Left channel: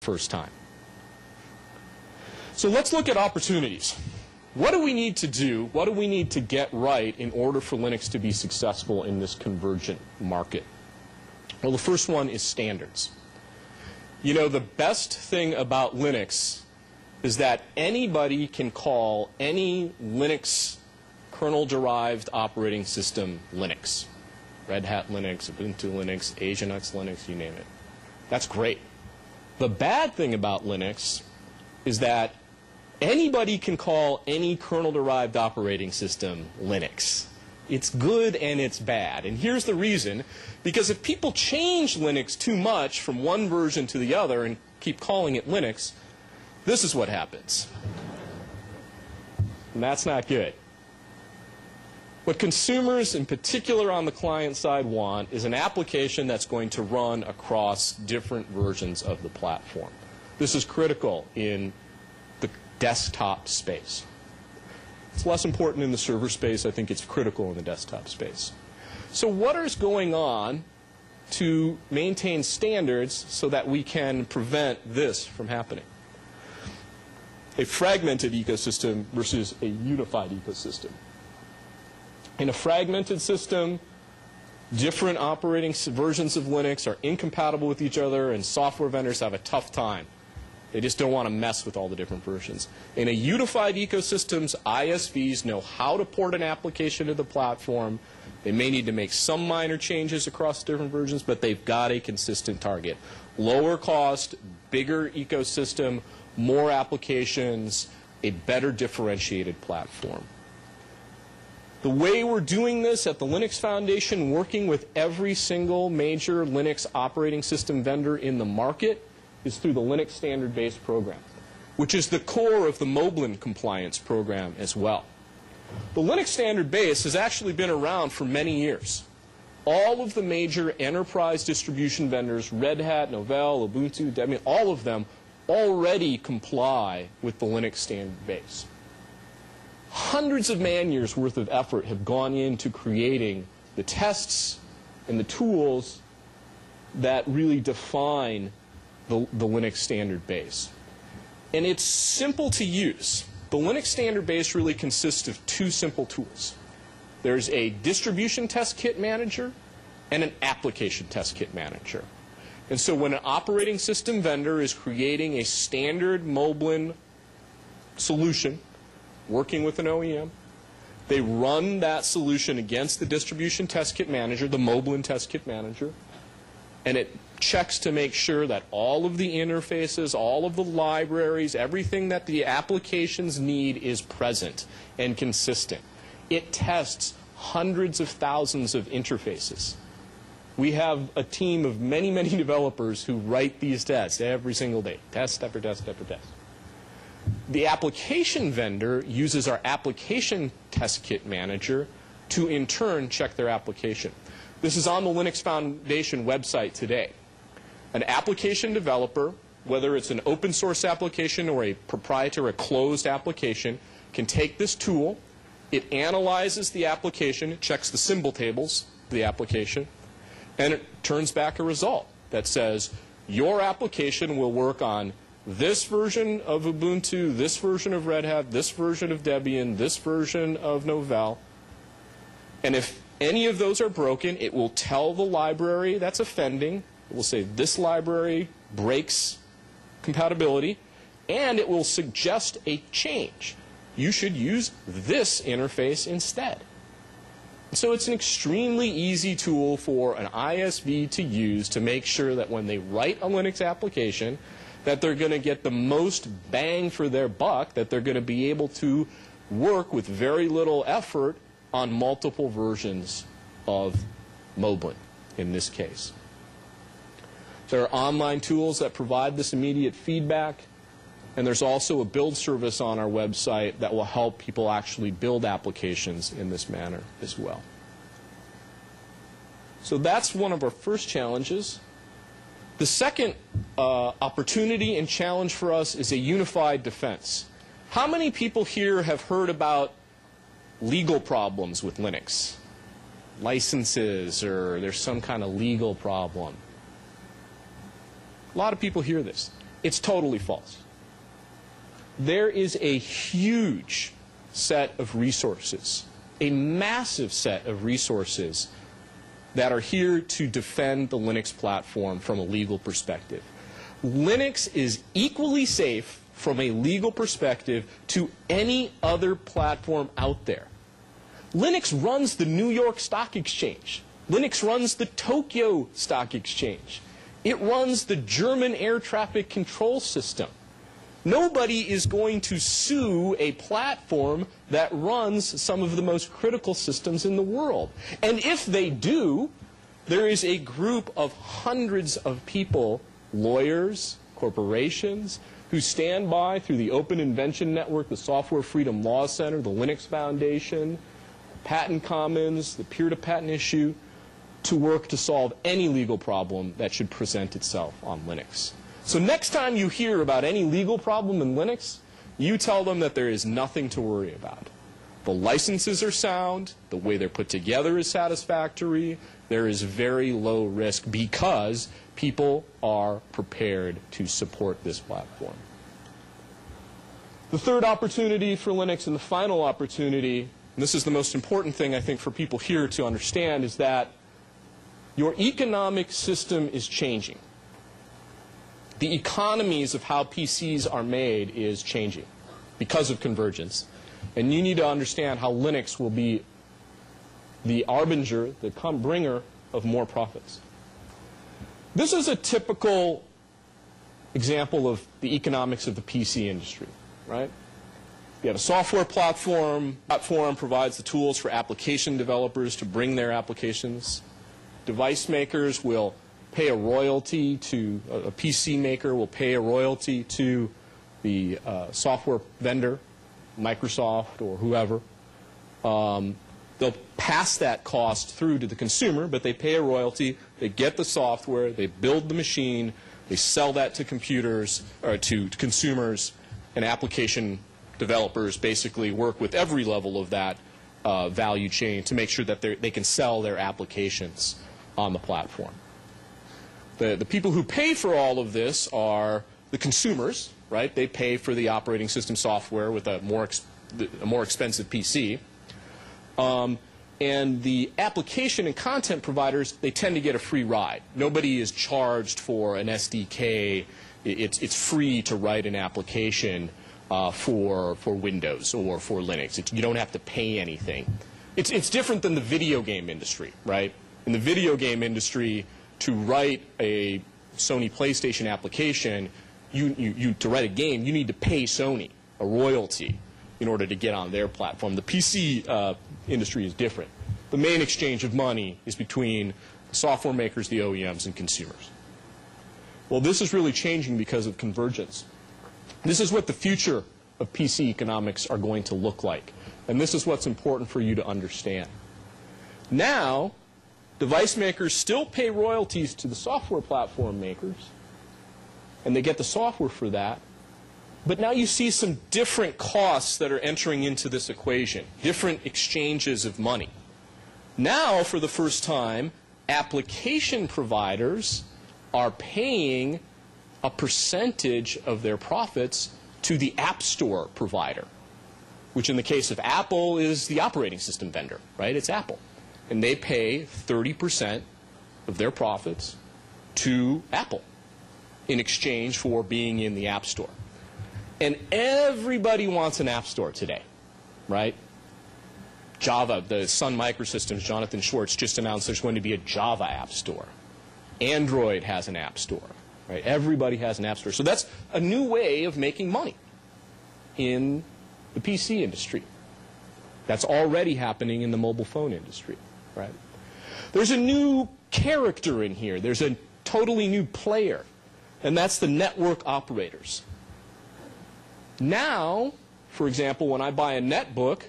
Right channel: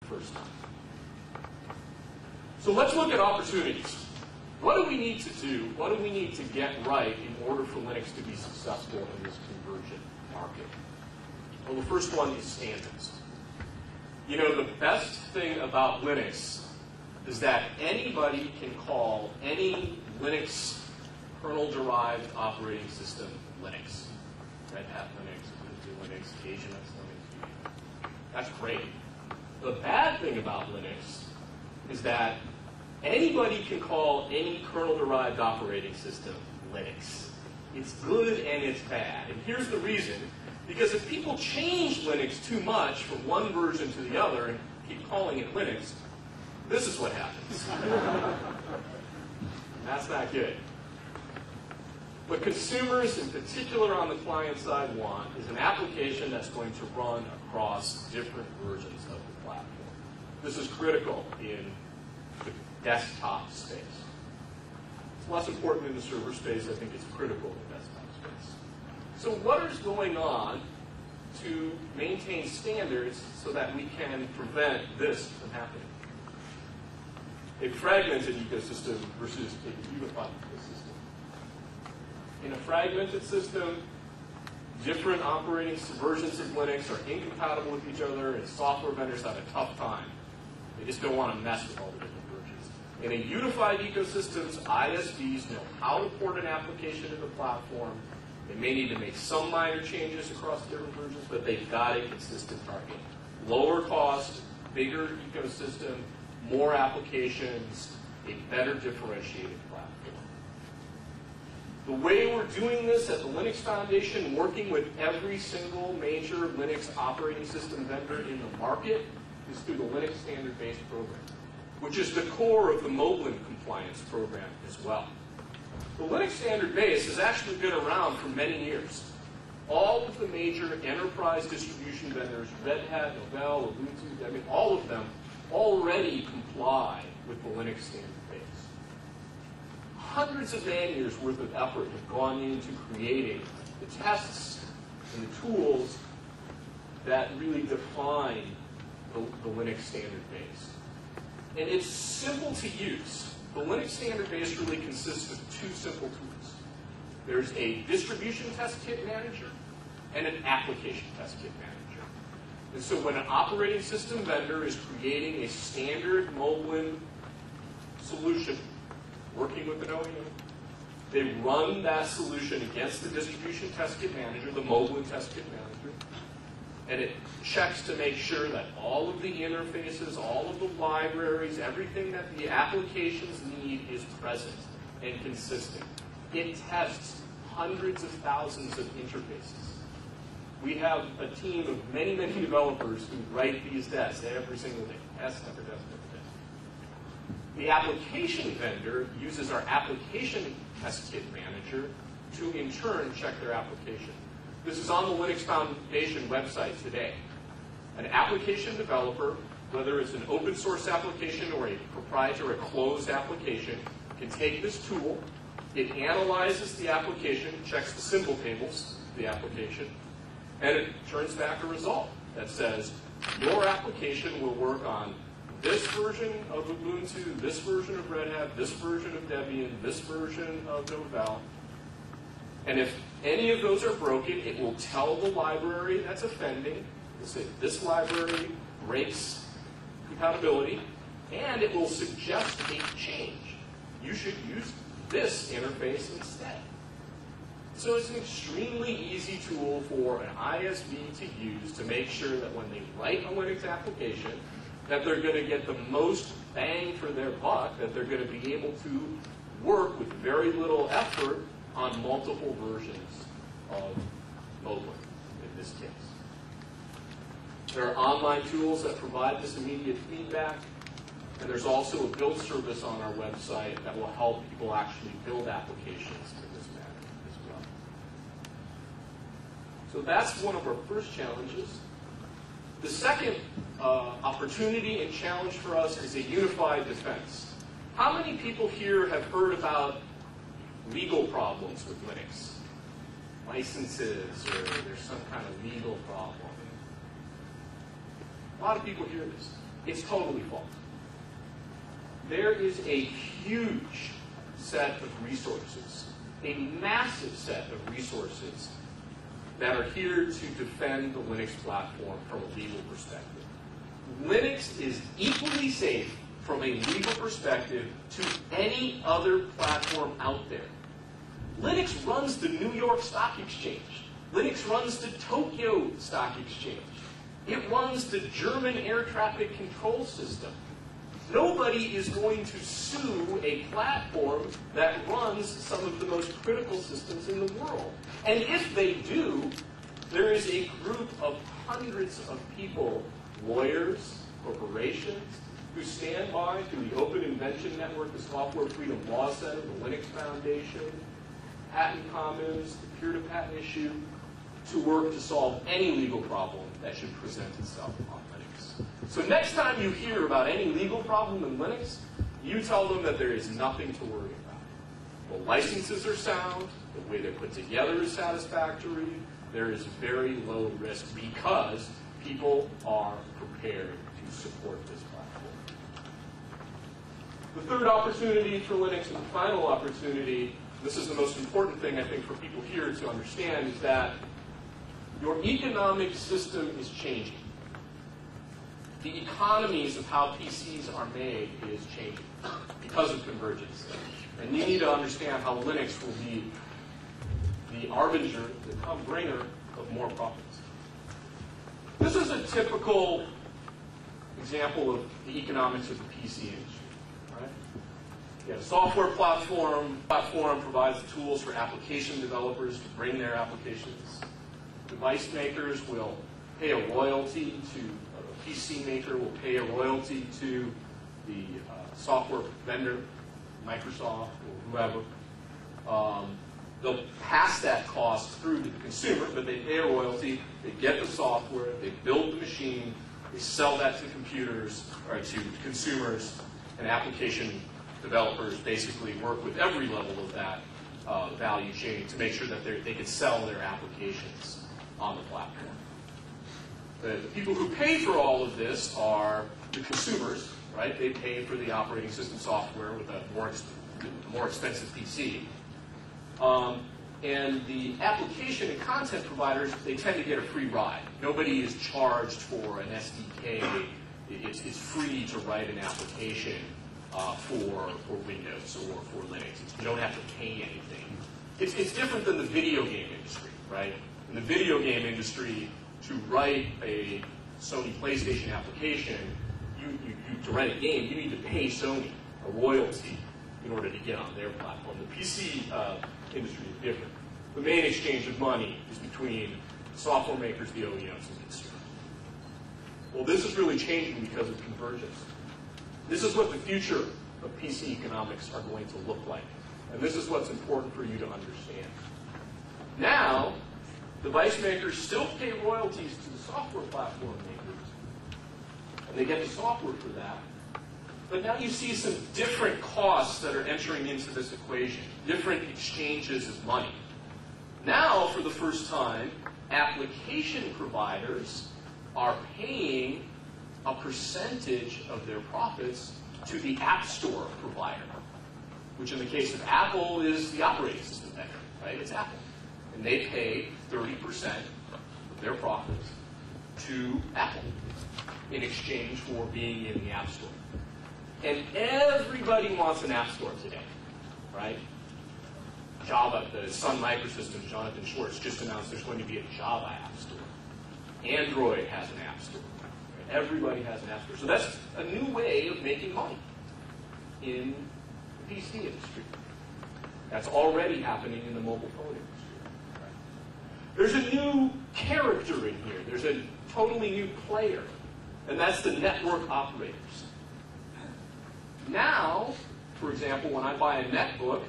first time. So let's look at opportunities. What do we need to do? What do we need to get right in order for Linux to be successful in this convergent market? Well, the first one is standards. You know, the best thing about Linux is that anybody can call any Linux kernel-derived operating system Linux. Red Hat Linux, Ubuntu Linux, Asianux Linux, you name it. That's great. The bad thing about Linux is that anybody can call any kernel-derived operating system Linux. It's good and it's bad. And here's the reason. Because if people change Linux too much from one version to the other and keep calling it Linux, this is what happens. And that's not good. What consumers, in particular on the client side, want is an application that's going to run across different versions of the platform. This is critical in the desktop space. It's less important in the server space. I think it's critical in the desktop space. So what is going on to maintain standards so that we can prevent this from happening? A fragmented ecosystem versus a unified ecosystem. In a fragmented system, different operating versions of Linux are incompatible with each other, and software vendors have a tough time. They just don't want to mess with all the different versions. In a unified ecosystem, ISVs know how to port an application to the platform. They may need to make some minor changes across different versions, but they've got a consistent target. Lower cost, bigger ecosystem, more applications, a better differentiated platform. The way we're doing this at the Linux Foundation, working with every single major Linux operating system vendor in the market, is through the Linux Standard-Based Program, which is the core of the Zemlin compliance program as well. The Linux Standard Base has actually been around for many years. All of the major enterprise distribution vendors, Red Hat, Novell, Ubuntu, Debian, all of them already comply with the Linux Standard Base. Hundreds of man-years worth of effort have gone into creating the tests and the tools that really define the Linux Standard Base. And it's simple to use. The Linux Standard Base really consists of two simple tools. There's a distribution test kit manager and an application test kit manager. And so when an operating system vendor is creating a standard Zemlin solution, working with an OEM, they run that solution against the distribution test kit manager, the Zemlin test kit manager, and it checks to make sure that all of the interfaces, all of the libraries, everything that the applications need is present and consistent. It tests hundreds of thousands of interfaces. We have a team of many, many developers who write these tests every single day, test after test after test. The application vendor uses our application test kit manager to, in turn, check their application. This is on the Linux Foundation website today. An application developer, whether it's an open source application or a proprietary or closed application, can take this tool, it analyzes the application, checks the symbol tables of the application, and it turns back a result that says, your application will work on this version of Ubuntu, this version of Red Hat, this version of Debian, this version of Novell. And if any of those are broken, it will tell the library that's offending. It will say this library breaks compatibility, and it will suggest a change. You should use this interface instead. So it's an extremely easy tool for an ISV to use to make sure that when they write a Linux application, that they're going to get the most bang for their buck, that they're going to be able to work with very little effort on multiple versions of Zemlin in this case. There are online tools that provide this immediate feedback, and there's also a build service on our website that will help people actually build applications in this manner as well. So that's one of our first challenges. The second opportunity and challenge for us is a unified defense. How many people here have heard about legal problems with Linux? Licenses, or there's some kind of legal problem. A lot of people hear this. It's totally false. There is a huge set of resources, a massive set of resources that are here to defend the Linux platform from a legal perspective. Linux is equally safe from a legal perspective to any other platform out there. Linux runs the New York Stock Exchange. Linux runs the Tokyo Stock Exchange. It runs the German air traffic control system. Nobody is going to sue a platform that runs some of the most critical systems in the world. And if they do, there is a group of hundreds of people, lawyers, corporations, who stand by through the Open Invention Network, the Software Freedom Law Center, the Linux Foundation, Patent Commons, the peer-to-patent issue, to work to solve any legal problem that should present itself on Linux. So next time you hear about any legal problem in Linux, you tell them that there is nothing to worry about. The licenses are sound, the way they're put together is satisfactory, there is very low risk because people are prepared to support this platform. The third opportunity for Linux and the final opportunity, and this is the most important thing I think for people here to understand, is that your economic system is changing. The economies of how PCs are made is changing because of convergence. And you need to understand how Linux will be the arbinger, the bringer of more profits. This is a typical example of the economics of the PC industry, right? You have a software platform. Platform provides the tools for application developers to bring their applications. Device makers will pay a royalty to, a PC maker will pay a royalty to the software vendor, Microsoft or whoever. They'll pass that cost through to the consumer, but they pay a royalty, they get the software, they build the machine, they sell that to computers, or to consumers, and application developers basically work with every level of that value chain to make sure that they can sell their applications on the platform. The people who pay for all of this are the consumers, right? They pay for the operating system software with a more expensive PC. And the application and content providers, they tend to get a free ride. Nobody is charged for an SDK. It's free to write an application for Windows or for Linux. You don't have to pay anything. It's different than the video game industry, right? In the video game industry, to write a Sony PlayStation application, to write a game, you need to pay Sony a royalty in order to get on their platform. The PC industry is different. The main exchange of money is between software makers, the OEMs, and consumers. Well, this is really changing because of convergence. This is what the future of PC economics are going to look like. And this is what's important for you to understand. Now, device makers still pay royalties to the software platform makers, and they get the software for that. But now you see some different costs that are entering into this equation, different exchanges of money. Now, for the first time, application providers are paying a percentage of their profits to the App Store provider, which in the case of Apple is the operating system vendor, right? It's Apple. And they pay 30% of their profits to Apple in exchange for being in the App Store. And everybody wants an App Store today, right? Java, the Sun Microsystems, Jonathan Schwartz just announced there's going to be a Java App Store. Android has an App Store, right? Everybody has an App Store. So that's a new way of making money in the PC industry. That's already happening in the mobile phone industry, right? There's a new character in here. There's a totally new player, and that's the network operators. Now, for example, when I buy a netbook,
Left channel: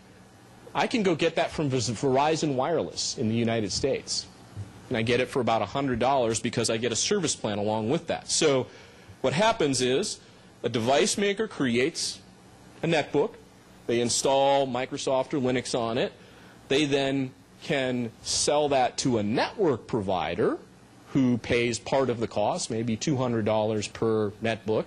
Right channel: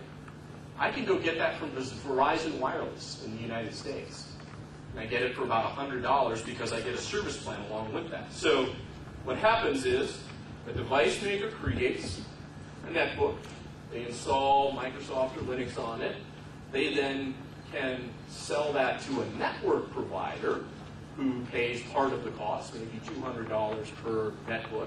I can go get that from Verizon Wireless in the United States. And I get it for about $100 because I get a service plan along with that. So what happens is a device maker creates a netbook. They install Microsoft or Linux on it. They then can sell that to a network provider who pays part of the cost, maybe $200 per netbook.